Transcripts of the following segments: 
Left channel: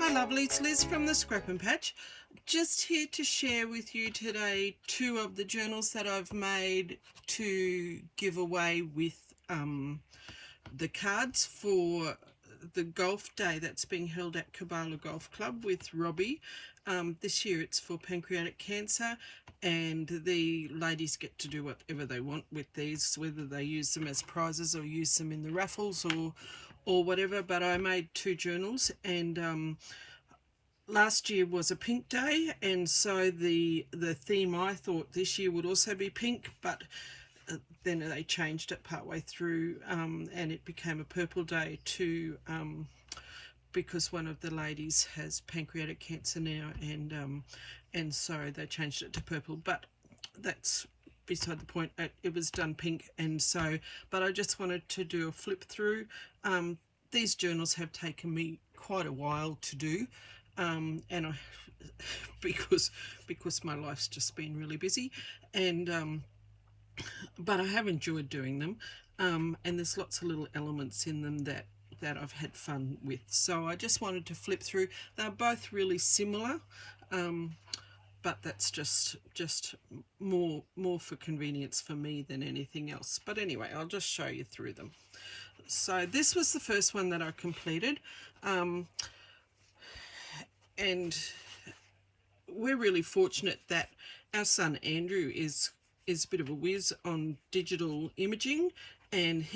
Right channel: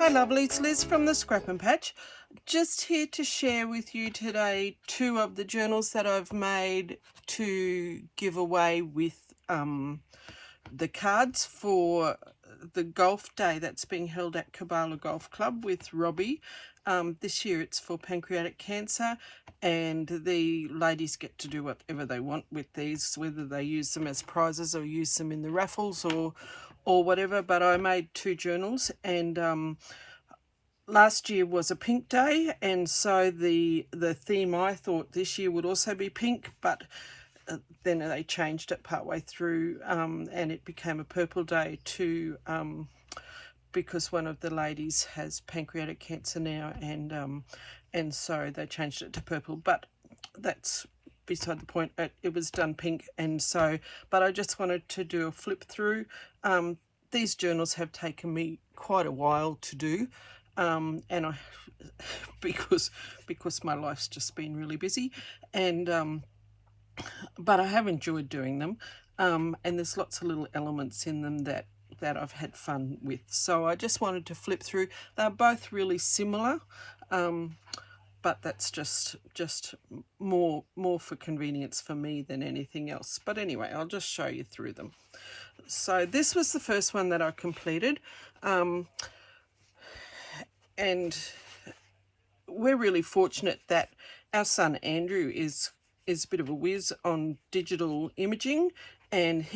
Hi lovely, it's Liz from the Scrap and Patch. Just here to share with you today 2 of the journals that I've made to give away with the cards for the golf day that's being held at Kabbalah Golf Club with Robbie. This year it's for pancreatic cancer, and the ladies get to do whatever they want with these, whether they use them as prizes or use them in the raffles or whatever. But I made 2 journals, and last year was a pink day, and so the theme I thought this year would also be pink, but then they changed it partway through, and it became a purple day too, because one of the ladies has pancreatic cancer now, and so they changed it to purple. But that's beside the point. It was done pink, and so, but I just wanted to do a flip through. These journals have taken me quite a while to do, and I because my life's just been really busy, and but I have enjoyed doing them, and there's lots of little elements in them that I've had fun with. So I just wanted to flip through. They're both really similar, but that's just more for convenience for me than anything else. But anyway, I'll just show you through them. So this was the first one that I completed, and we're really fortunate that our son Andrew is a bit of a whiz on digital imaging, and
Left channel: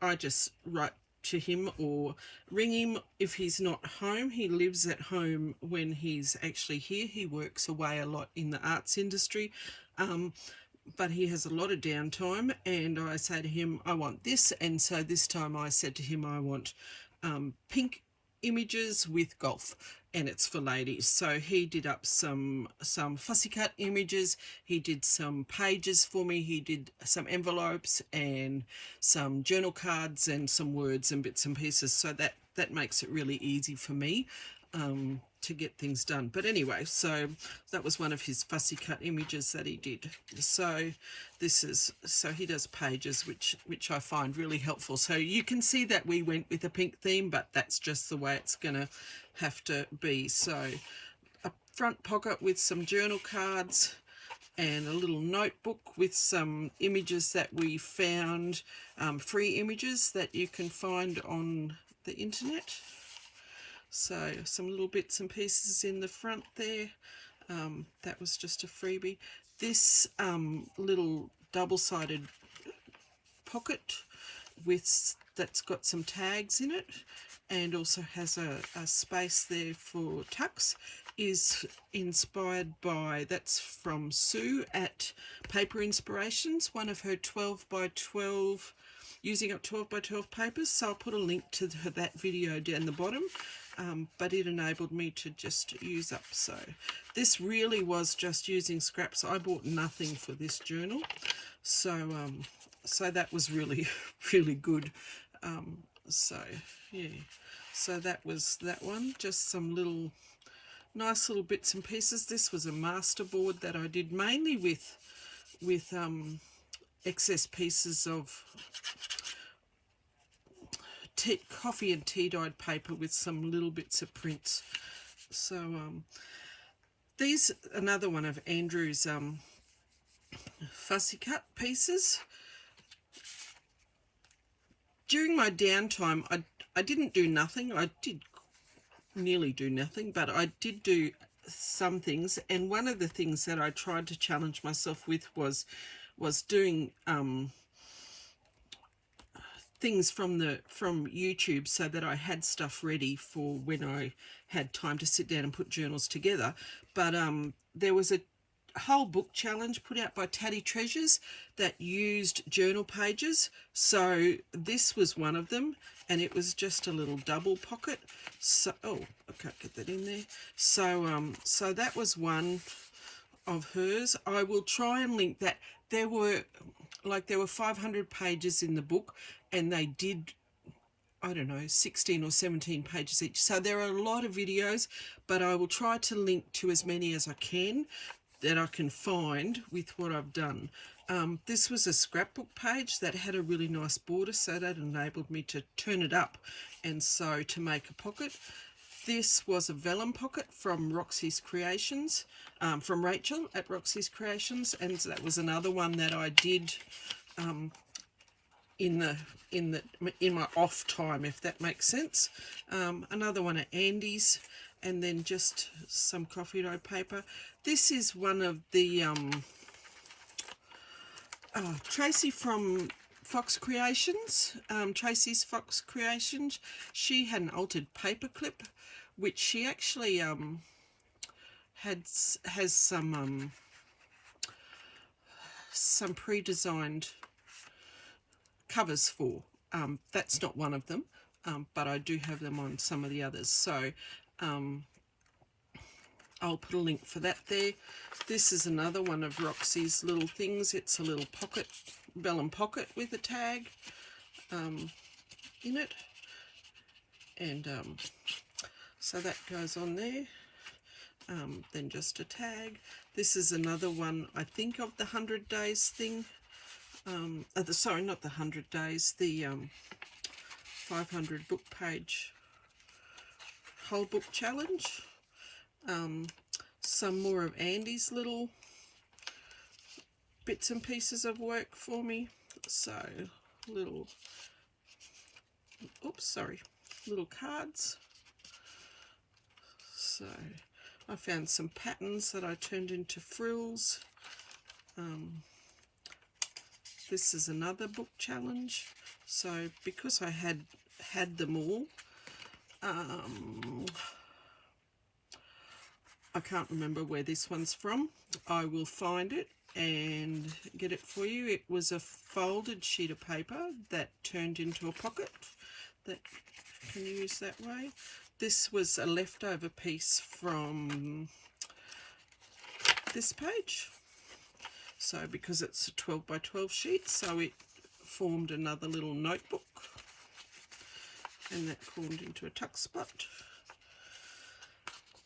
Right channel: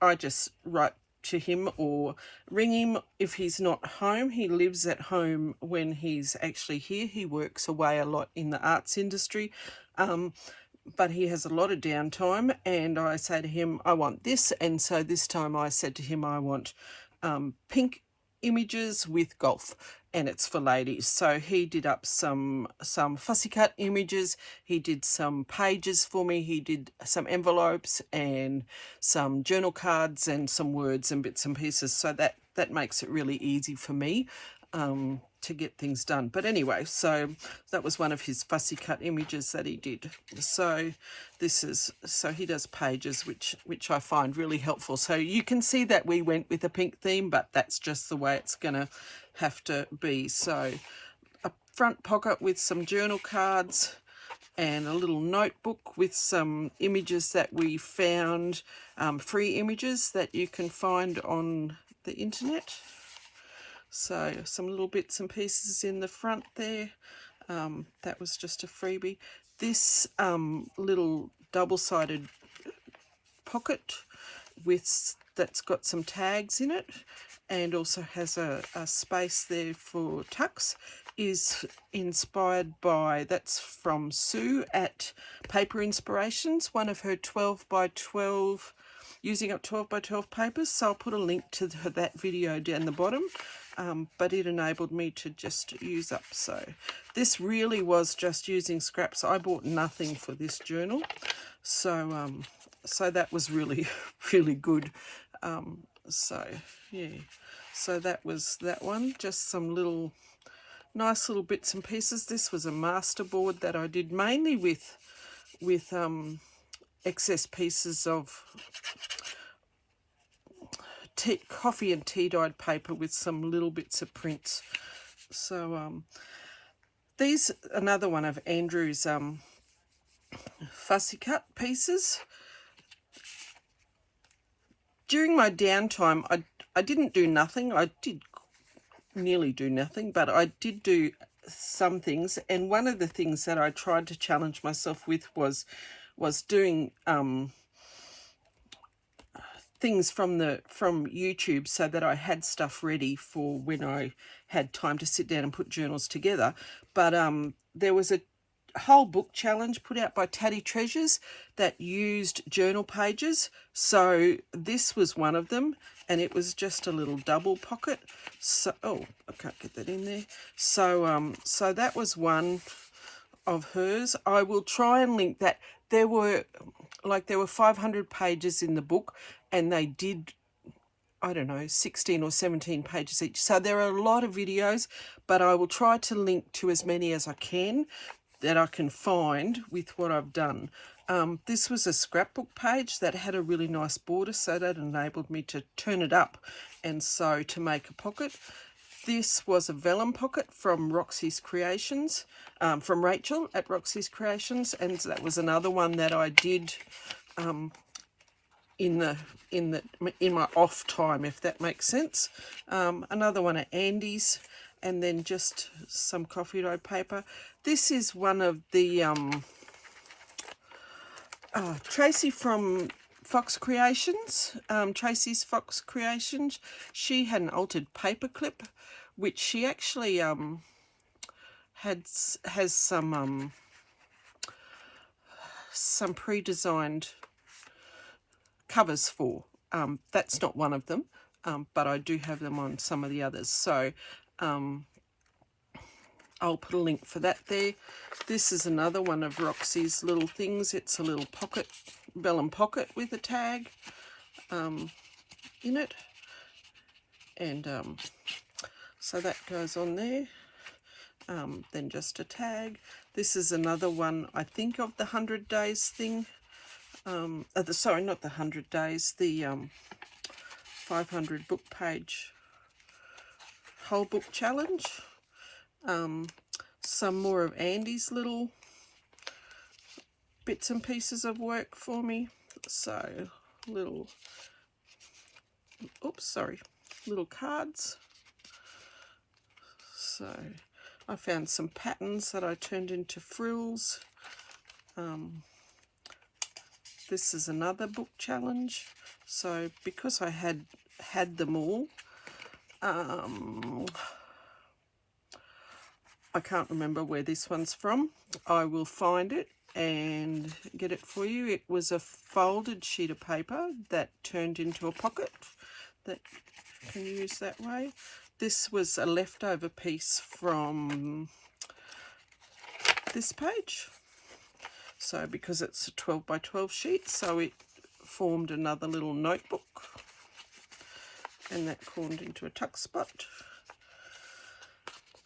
I just write to him or ring him if he's not home. He lives at home when he's actually here. He works away a lot in the arts industry, but he has a lot of downtime, and I say to him, I want this. And so this time I said to him, I want pink images with golf, and it's for ladies. So he did up some fussy cut images, he did some pages for me, he did some envelopes and some journal cards and some words and bits and pieces. So that makes it really easy for me to get things done. But anyway, so that was one of his fussy cut images that he did. So so he does pages, which I find really helpful. So you can see that we went with a pink theme, but that's just the way it's gonna have to be. So a front pocket with some journal cards, and a little notebook with some images that we found, free images that you can find on the internet. So some little bits and pieces in the front there. That was just a freebie. This little double-sided pocket that's got some tags in it, and also has a space there for tucks, is inspired by, that's from Sue at Paper Inspirations, one of her 12 by 12, using up 12 by 12 papers. So I'll put a link to that video down the bottom, but it enabled me to just use up. So this really was just using scraps. I bought nothing for this journal, so so that was really really good. So yeah, so that was that one. Just some little nice little bits and pieces. This was a master board that I did mainly with excess pieces of coffee and tea dyed paper with some little bits of prints. So these, another one of Andrew's fussy cut pieces. During my downtime, I didn't do nothing. I did nearly do nothing, but I did do some things. And one of the things that I tried to challenge myself with was doing things from YouTube, so that I had stuff ready for when I had time to sit down and put journals together. But there was a whole book challenge put out by Taddy Treasures that used journal pages. So this was one of them, and it was just a little double pocket. So I can't get that in there. So so that was one of hers. I will try and link that. There were 500 pages in the book, and they did, I don't know, 16 or 17 pages each. So there are a lot of videos, but I will try to link to as many as I can that I can find with what I've done. This was a scrapbook page that had a really nice border, so that enabled me to turn it up, and so to make a pocket. This was a vellum pocket from Roxy's Creations, from Rachel at Roxy's Creations, and that was another one that I did in my off time, if that makes sense. Another one at Andy's, and then just some coffee dyed paper. This is one of the Tracie from Fox Creations, Tracie's Fox Creations. She had an altered paper clip, which she actually has some pre-designed covers for. That's not one of them, but I do have them on some of the others. So I'll put a link for that there. This is another one of Roxy's little things. It's a little pocket, vellum pocket with a tag in it. And so that goes on there. Then just a tag. This is another one, I think, of the 100 days thing. Sorry, not the 100 days, the 500 book page whole book challenge. Some more of Andy's little bits and pieces of work for me. So little, little cards. So I found some patterns that I turned into frills. This is another book challenge. So because I had them all, I can't remember where this one's from. I will find it and get it for you. It was a folded sheet of paper that turned into a pocket that can use that way. This was a leftover piece from this page. So because it's a 12 by 12 sheet, so it formed another little notebook, and that formed into a tuck spot.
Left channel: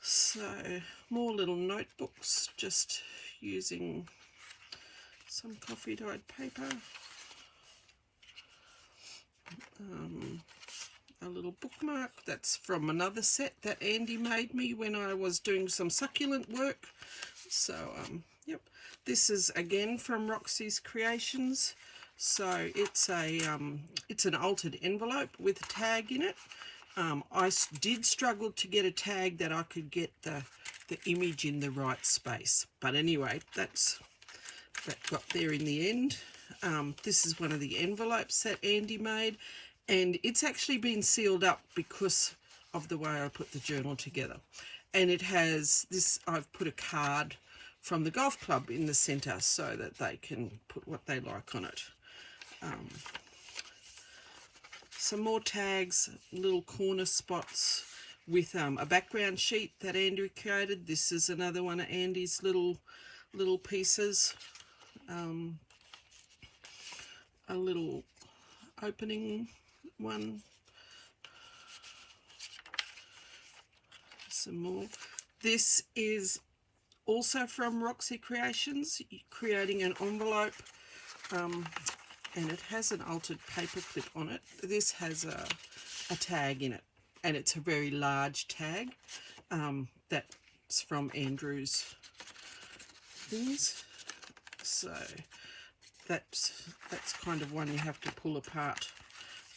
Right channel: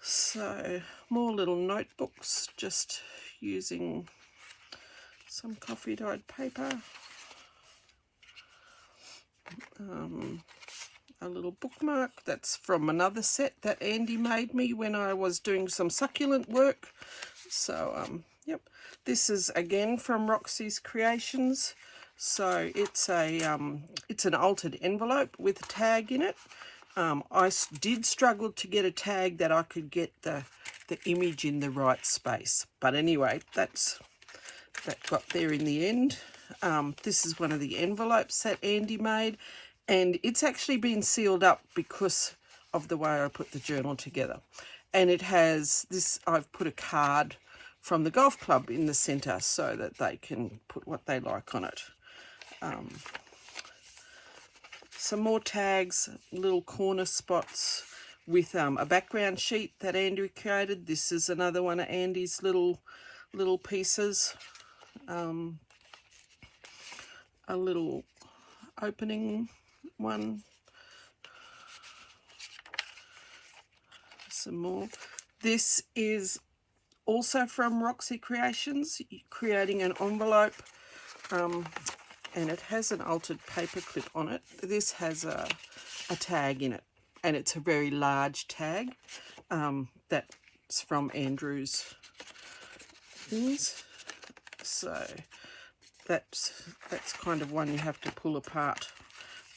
So more little notebooks, just using some coffee dyed paper. A little bookmark that's from another set that Andy made me when I was doing some succulent work. So yep, this is again from Roxy's Creations. So it's an altered envelope with a tag in it. I did struggle to get a tag that I could get the image in the right space, but anyway, that got there in the end. This is one of the envelopes that Andy made, and it's actually been sealed up because of the way I put the journal together. And it has this, I've put a card from the golf club in the centre so that they can put what they like on it. Some more tags, little corner spots with a background sheet that Andrew created. This is another one of Andy's little pieces. A little opening one. Some more. This is also from Roxy Creations, creating an envelope. And it has an altered paper clip on it. This has a tag in it, and it's a very large tag. That's from Andrew's things. So that's kind of one you have to pull apart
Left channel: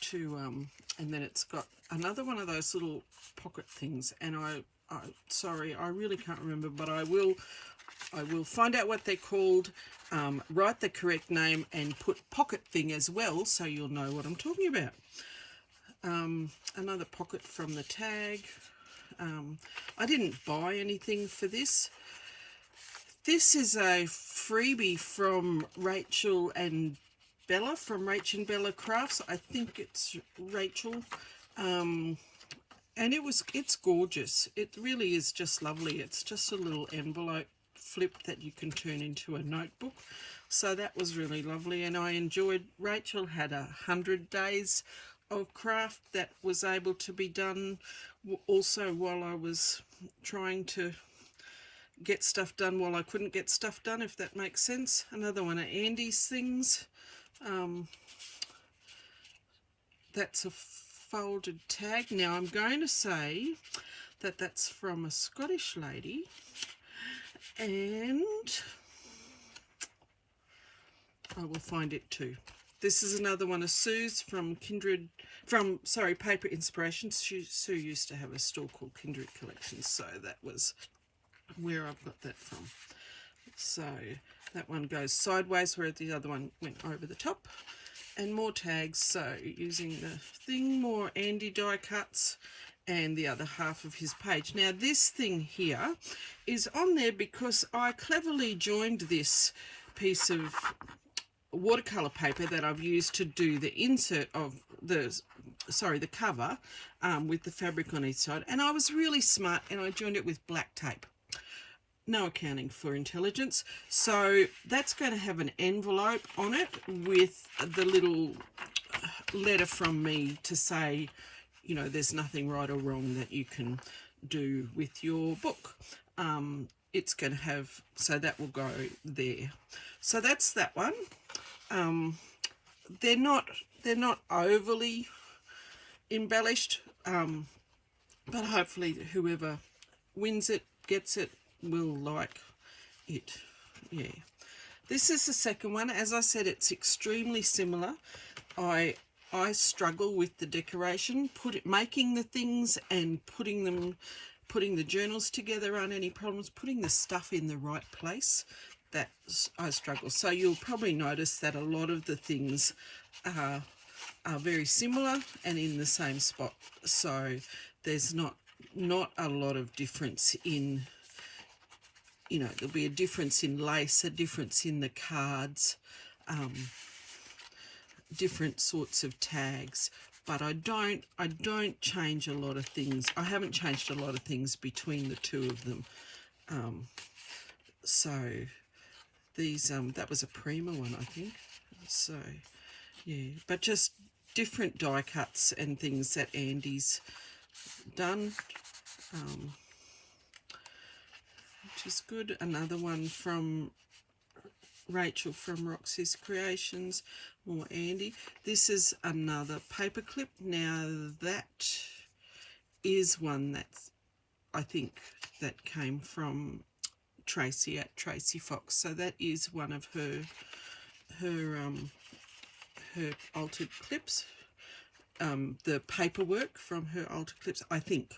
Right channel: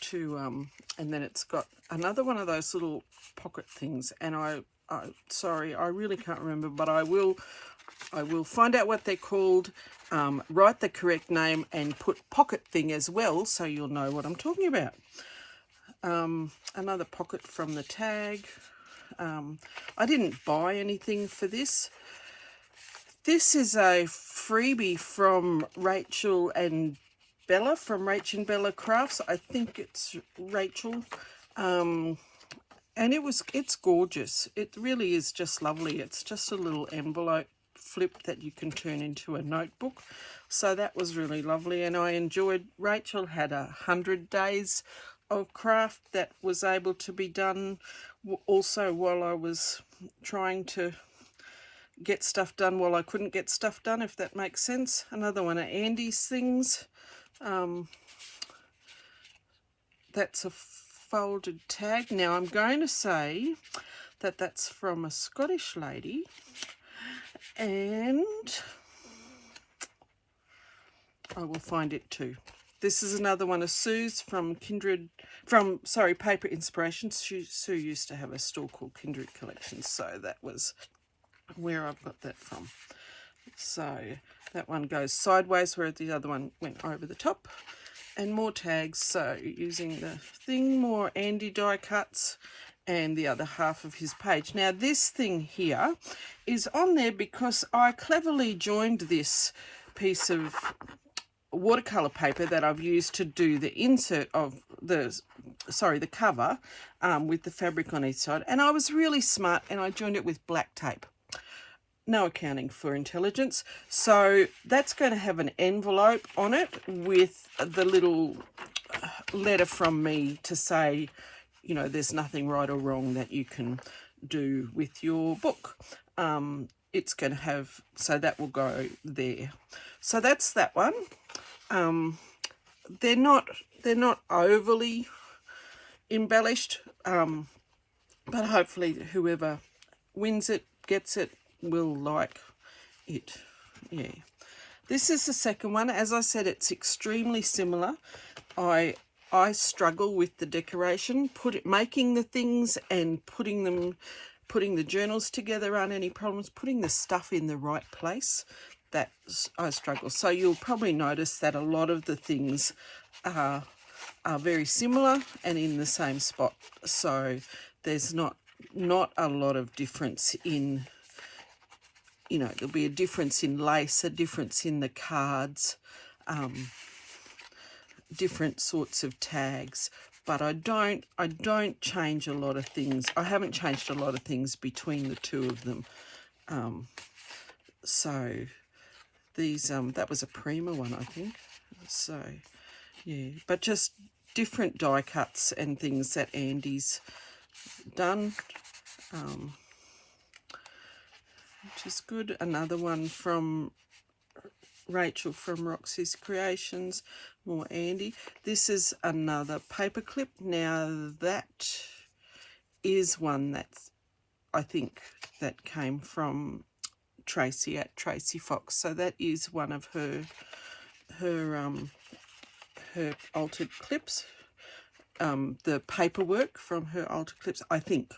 to, and then it's got another one of those little pocket things. And sorry, I really can't remember, but I will find out what they're called. Write the correct name and put pocket thing as well, so you'll know what I'm talking about. Another pocket from the tag. I didn't buy anything for this. This is a freebie from Rach&Bella, from Rach&Bella Crafts. I think it's Rachel. And it's gorgeous. It really is just lovely. It's just a little envelope flip that you can turn into a notebook. So that was really lovely, and I enjoyed. Rachel had 100 days of craft that was able to be done also while I was trying to get stuff done while I couldn't get stuff done, if that makes sense. Another one of Andy's things. That's a folded tag. Now I'm going to say that that's from a Scottish lady, and I will find it too. This is another one of Sue's from Paper Inspiration. Sue used to have a store called Kindred Collections, so that was where I've got that from. So that one goes sideways, where the other one went over the top. And more tags, so using the thing, more Andy die cuts, and the other half of his page. Now this thing here is on there because I cleverly joined this piece of watercolor paper that I've used to do the insert of the cover with the fabric on each side, and I was really smart and I joined it with black tape. No accounting for intelligence. So that's going to have an envelope on it with the little letter from me to say, you know, there's nothing right or wrong that you can do with your book. It's going to have, so that will go there. So that's that one. They're not overly embellished, but hopefully whoever wins it, gets it, will like it. Yeah, this is the second one. As I said, it's extremely similar. I struggle with the decoration, making the things and putting the journals together aren't any problems. Putting the stuff in the right place, that I struggle. So you'll probably notice that a lot of the things are very similar and in the same spot. So there's not a lot of difference in, you know, there'll be a difference in lace, a difference in the cards, different sorts of tags, but I don't change a lot of things. I haven't changed a lot of things between the two of them. So these, that was a Prima one, I think. So yeah, but just different die cuts and things that Andy's done, which is good. Another one from Rachel from Roxy's Creations, more Andy. This is another paper clip. Now that is one that's, I think, that came from Tracie at Tracie Fox. So that is one of her altered clips. The paperwork from her altered clips, I think.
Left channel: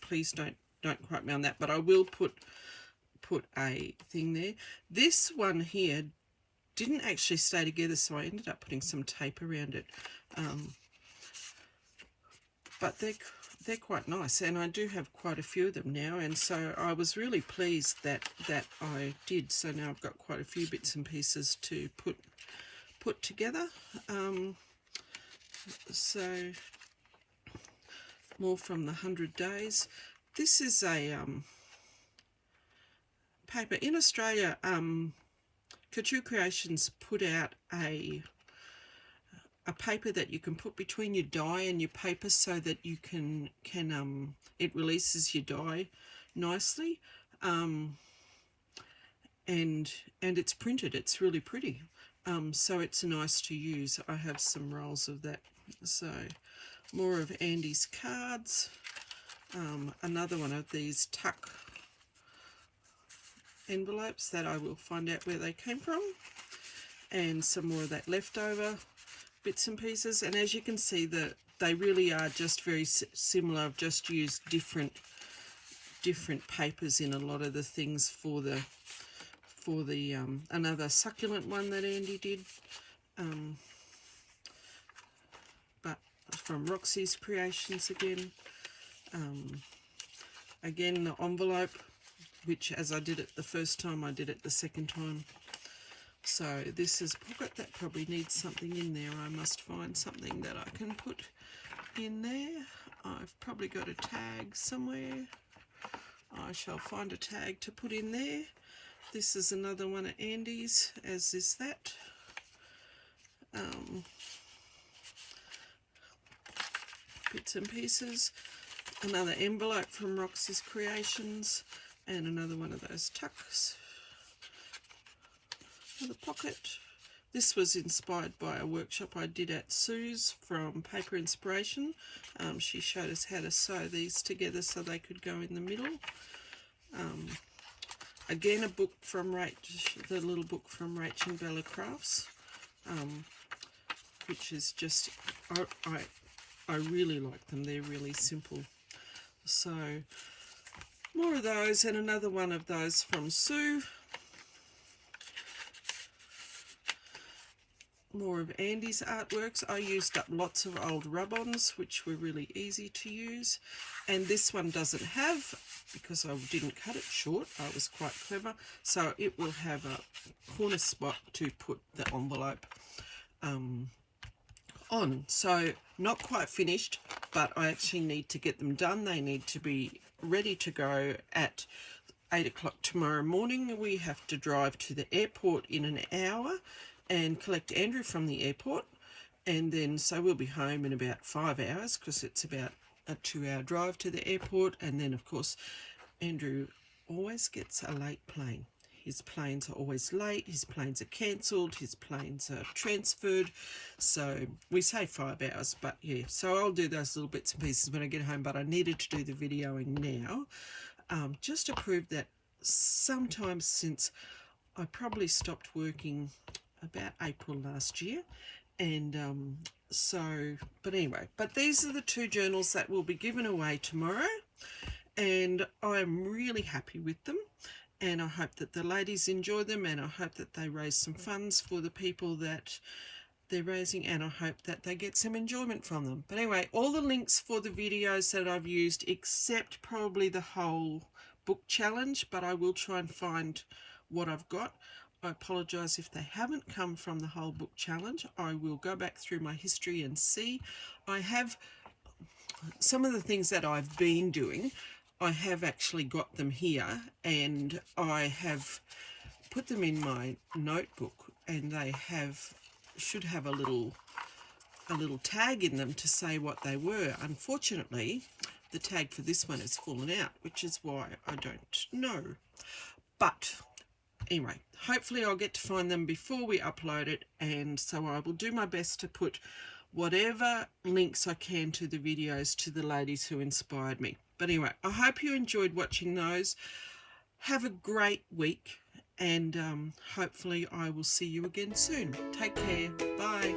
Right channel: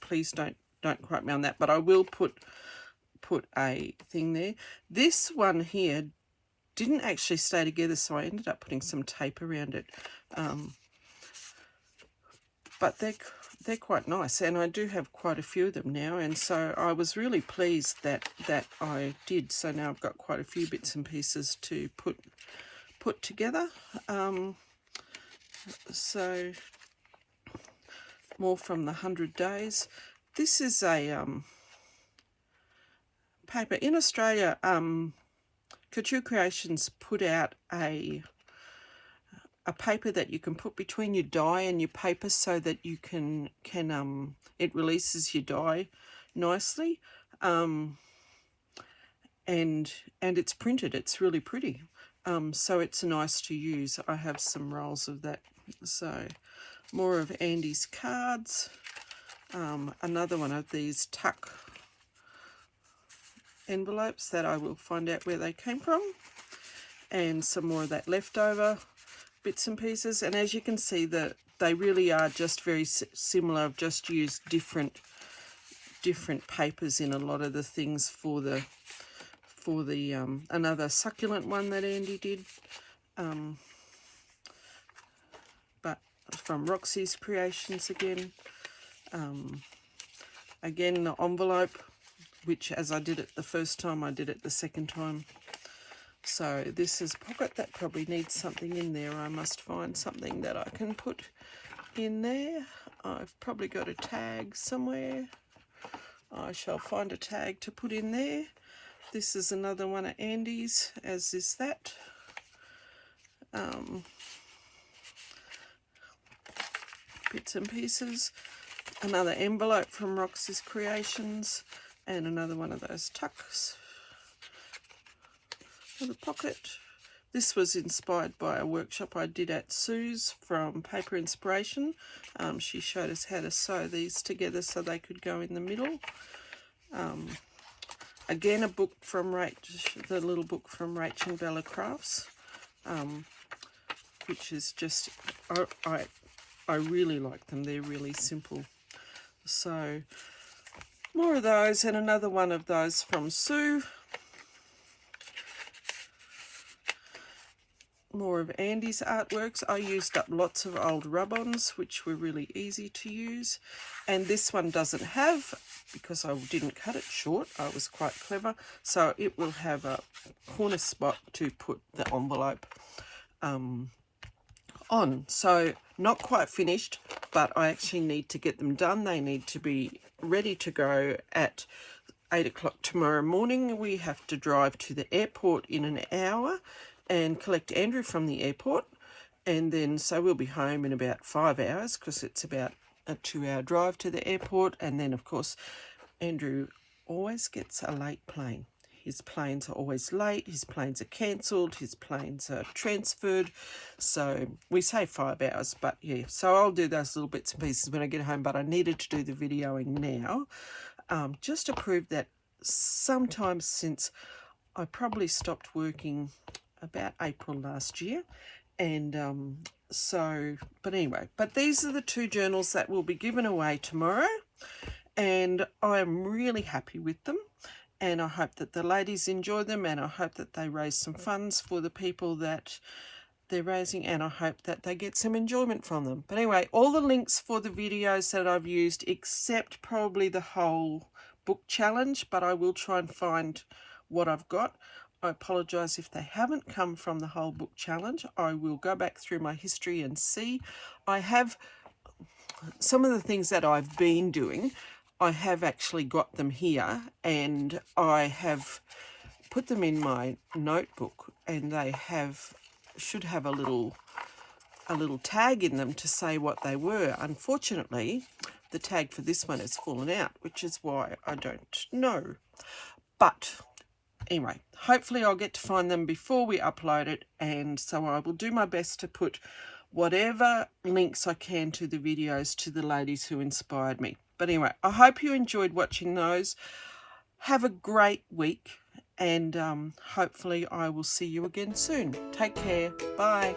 Please don't quote me on that, but I will put a thing there. This one here didn't actually stay together, so I ended up putting some tape around it. But they're quite nice, and I do have quite a few of them now, and so I was really pleased that I did. So now I've got quite a few bits and pieces to put together. So more from the 100 Days. This is a paper in Australia. Couture Creations put out a paper that you can put between your die and your paper so that you can it releases your die nicely, and it's printed. It's really pretty, so it's nice to use. I have some rolls of that. So more of Andy's cards, another one of these tuck envelopes that I will find out where they came from, and some more of that leftover bits and pieces. And as you can see, that they really are just very similar. I've just used different papers in a lot of the things for the another succulent one that Andy did, but from Roxy's Creations again. Again, the envelope, which as I did it the first time, I did it the second time. So this is pocket. That probably needs something in there. I must find something that I can put in there. I've probably got a tag somewhere. I shall find a tag to put in there. This is another one of Andy's, as is that. Bits and pieces. Another envelope from Roxy's Creations, and another one of those tucks. The pocket. This was inspired by a workshop I did at Sue's from Paper Inspiration. She showed us how to sew these together so they could go in the middle. Again, a book from the little book from Rach&Bella Crafts, which is just, I really like them. They're really simple. So more of those, and another one of those from Sue. More of Andy's artworks. I used up lots of old rub-ons, which were really easy to use. And this one doesn't have, because I didn't cut it short, I was quite clever, so it will have a corner spot to put the envelope on. So not quite finished, but I actually need to get them done. They need to be ready to go at 8 o'clock tomorrow morning. We have to drive to the airport in an hour and collect Andrew from the airport, and then so we'll be home in about 5 hours, because it's about a 2-hour drive to the airport. And then of course Andrew always gets a late plane. His planes are always late, his planes are cancelled, his planes are transferred, so we say 5 hours, but yeah, so I'll do those little bits and pieces when I get home. But I needed to do the videoing now, just to prove that sometime since I probably stopped working about April last year, and so, but anyway, but these are the 2 journals that will be given away tomorrow, and I'm really happy with them, and I hope that the ladies enjoy them, and I hope that they raise some funds for the people that they're raising, and I hope that they get some enjoyment from them. But anyway, all the links for the videos that I've used, except probably the whole book challenge, but I will try and find what I've got. I apologise if they haven't come from the whole book challenge. I will go back through my history and see. I have some of the things that I've been doing, I have actually got them here, and I have put them in my notebook, and they should have a little tag in them to say what they were. Unfortunately, the tag for this one has fallen out, which is why I don't know. But anyway, hopefully I'll get to find them before we upload it, and so I will do my best to put whatever links I can to the videos to the ladies who inspired me. But anyway, I hope you enjoyed watching those. Have a great week, and hopefully I will see you again soon. Take care. Bye.